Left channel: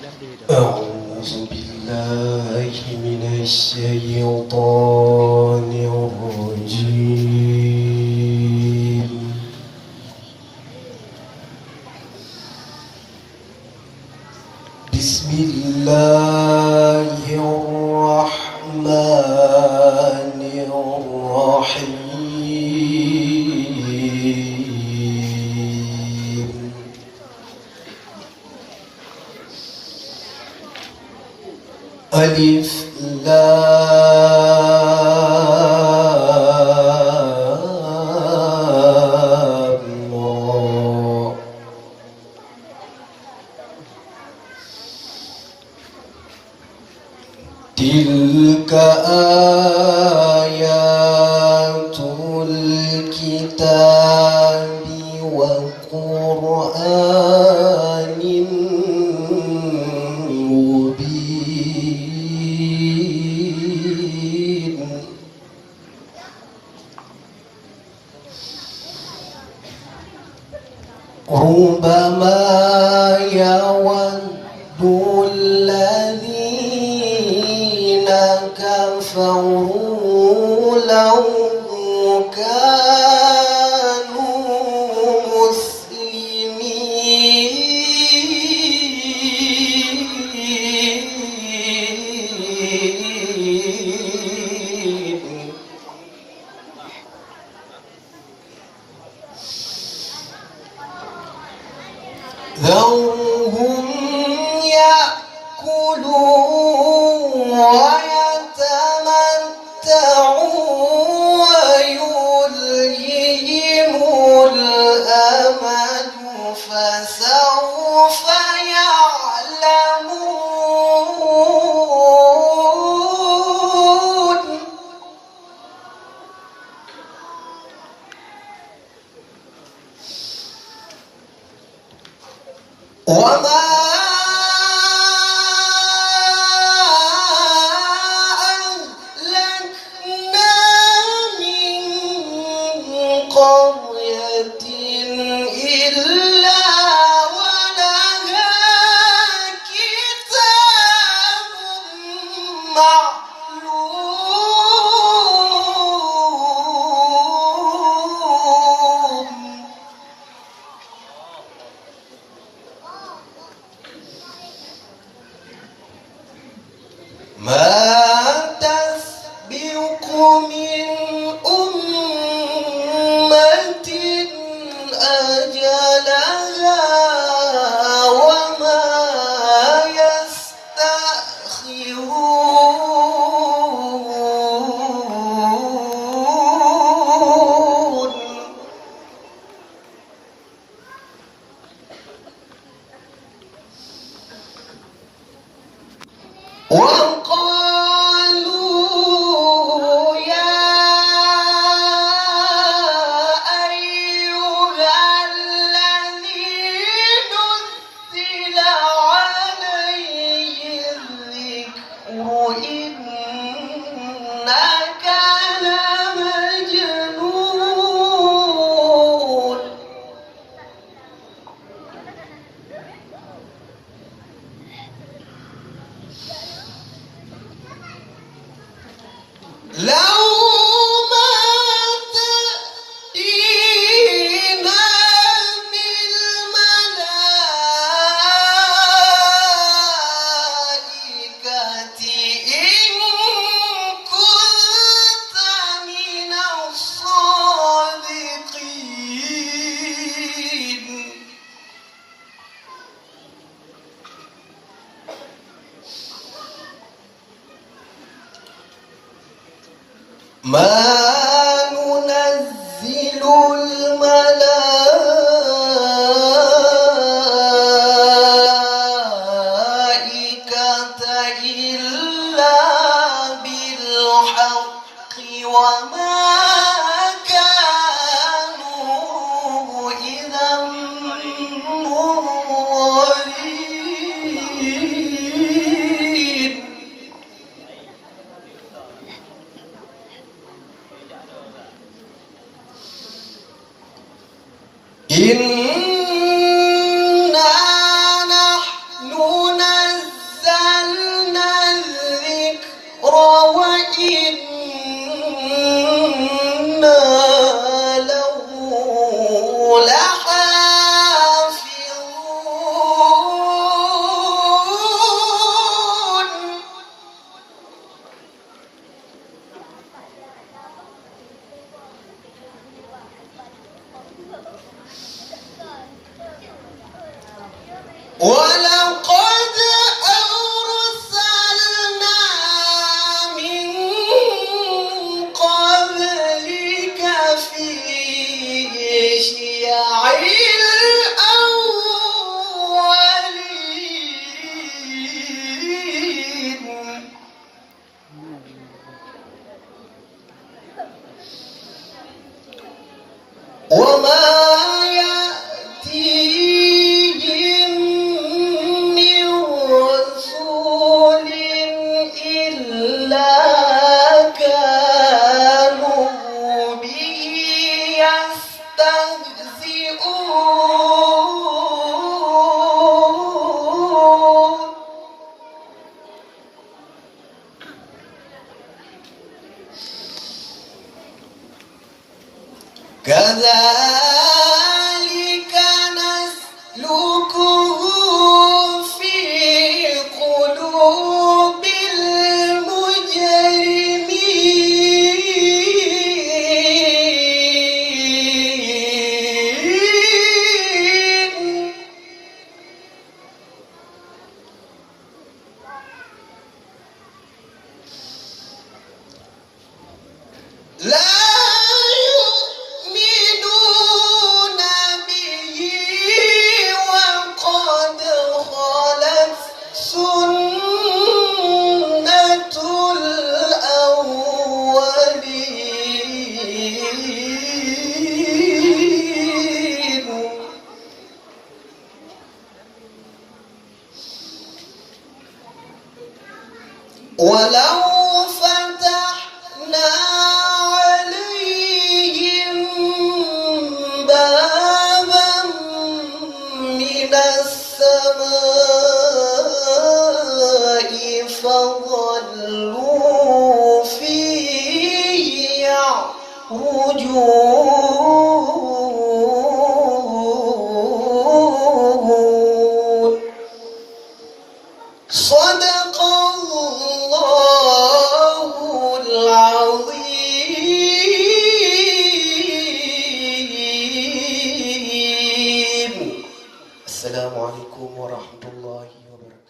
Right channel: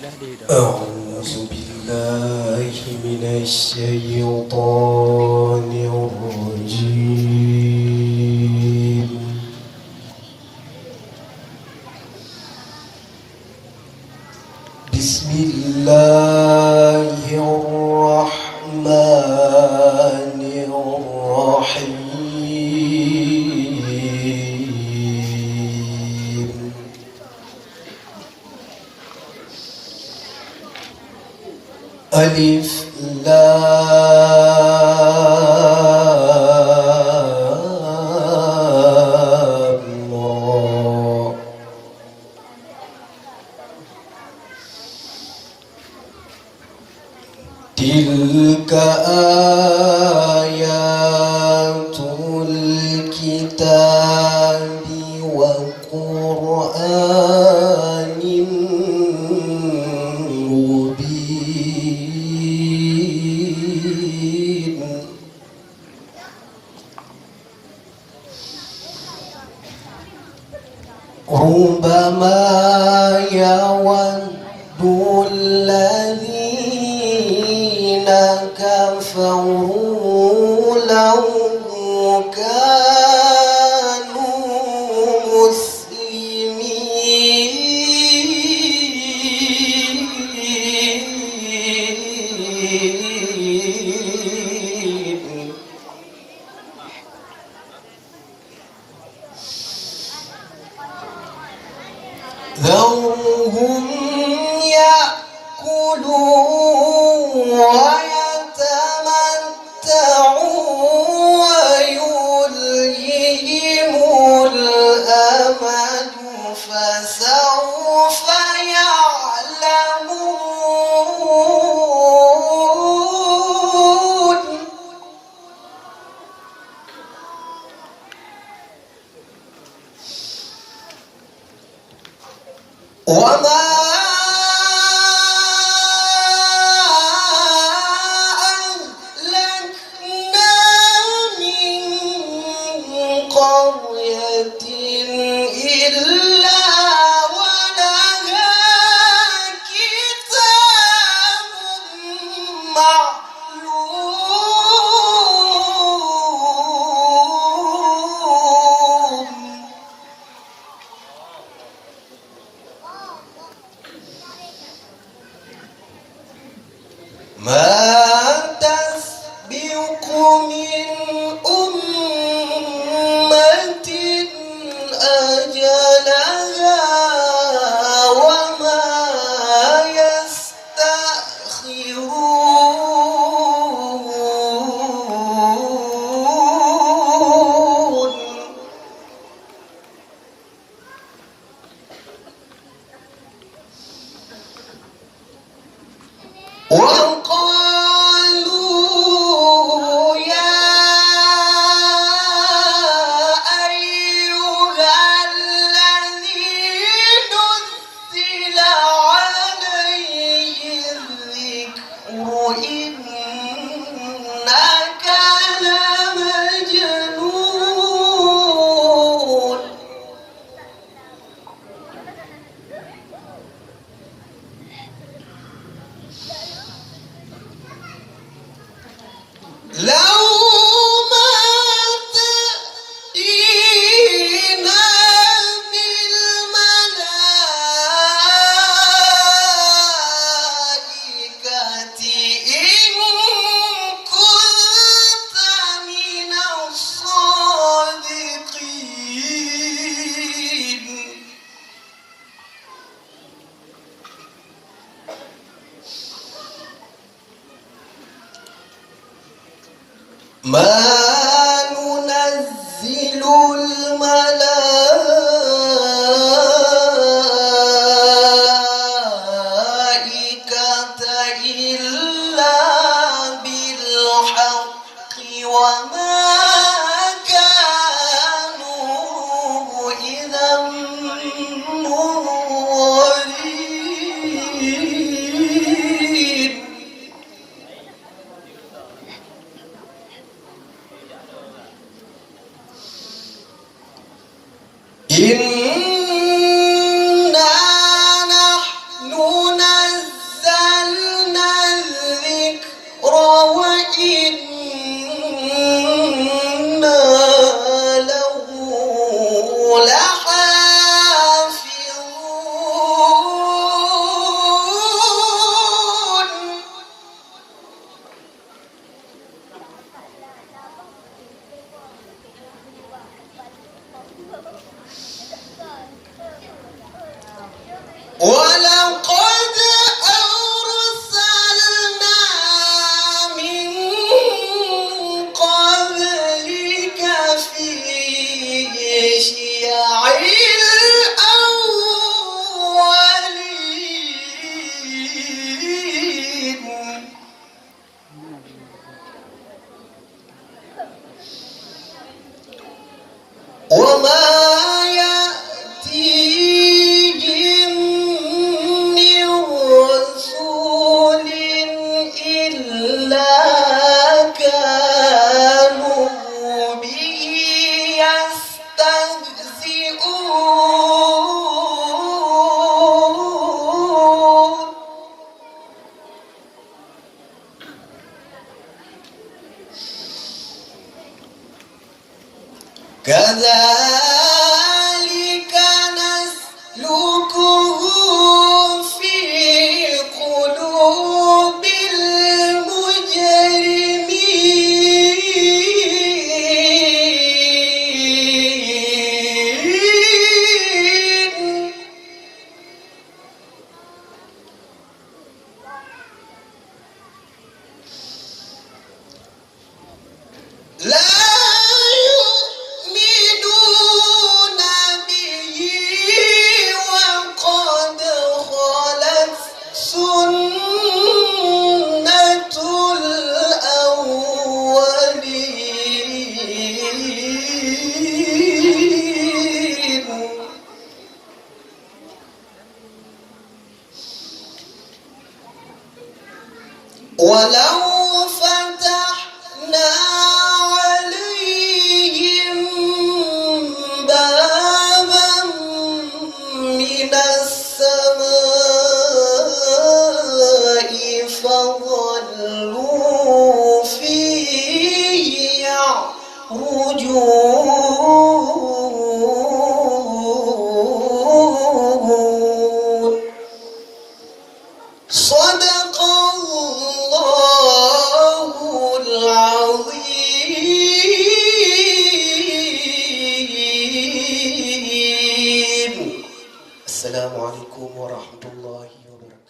أعوذ بالله من الشيطان الرجيم. بسم الله الرحمن الرحيم. ألف لام را. تلك آيات الكتاب وقرآن مبين. ربما يود الذين كفروا لو كانوا مسلمين. ذرهم يأكلوا ويتمتعوا ويلههم الأمل فسوف يعلمون. وما أهلكنا من قرية إلا ولها كتاب معلوم. ما تسبق من أمة أجلها وما يستأخرون. وقالوا يا أيها الذي نزل عليه الذكر إنك لمجنون. لو ما تأتينا بالملائكة إن كنت من الصادقين. ما ننزل الملائكة إلا بالحق وما كانوا إذا منظرين. ولقد أرسلنا من قبلك في شيع الأولين وما يأتيهم من رسول إلا كانوا به يستهزئون كذلك نسلكه في قلوب المجرمين لا يؤمنون به وقد خلت سنة الأولين ولو فتحنا عليهم بابا من السماء فظلوا فيه يعرجون صدق الله العظيم. السلام عليكم ورحمة الله وبركاته.